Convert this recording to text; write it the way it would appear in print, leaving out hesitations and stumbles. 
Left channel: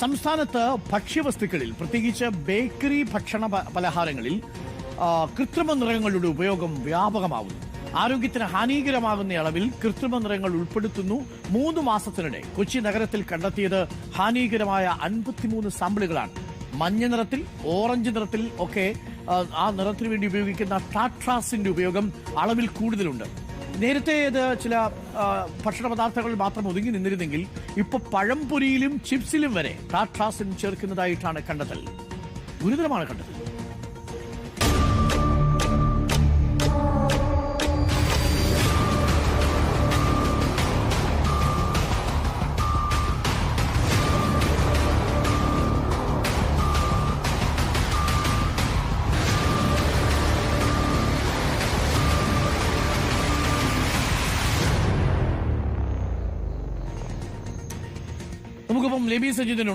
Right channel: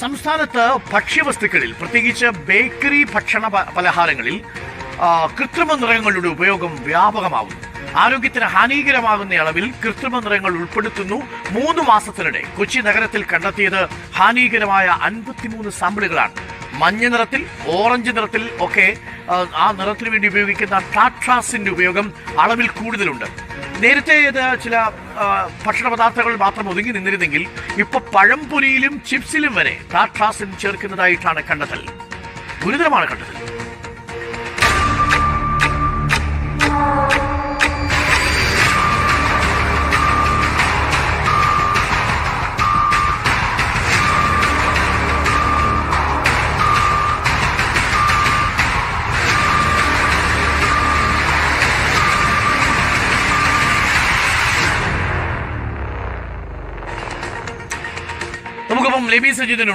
സംസ്ഥാനത്ത് ഭക്ഷ്യവസ്തുക്കളിൽ പ്രത്യേകിച്ച് ബേക്കറി ഭക്ഷണ പലഹാരങ്ങളിൽ കൃത്രിമ നിറങ്ങളുടെ ഉപയോഗം വ്യാപകമാകുന്നു. ആരോഗ്യത്തിന് ഹാനികരമാകുന്ന അളവിൽ കൃത്രിമ നിറങ്ങൾ ഉൾപ്പെടുത്തുന്നു. 3 മാസത്തിനിടെ കൊച്ചി നഗരത്തിൽ കണ്ടെത്തിയത് ഹാനികരമായ 53 സാമ്പിളുകളാണ്. മഞ്ഞ നിറത്തിൽ, ഓറഞ്ച് നിറത്തിൽ ഒക്കെ ആ നിറത്തിന് വേണ്ടി ഉപയോഗിക്കുന്ന ടാട്രാസിന്റെ ഉപയോഗം അളവിൽ കൂടുതലുണ്ട്. നേരത്തെ ഇത് ചില ഭക്ഷണ പദാർത്ഥങ്ങൾ മാത്രം ഒതുങ്ങി നിന്നിരുന്നെങ്കിൽ ഇപ്പൊ പഴംപൊരിയിലും ചിപ്സിലും വരെ ടാട്രാസിൻ ചേർക്കുന്നതായിട്ടാണ് കണ്ടെത്തൽ. ഗുരുതരമാണ് കണ്ടെത്തൽ. നമുക്കിപ്പം ലെബി സജിദിനുണ്ട്.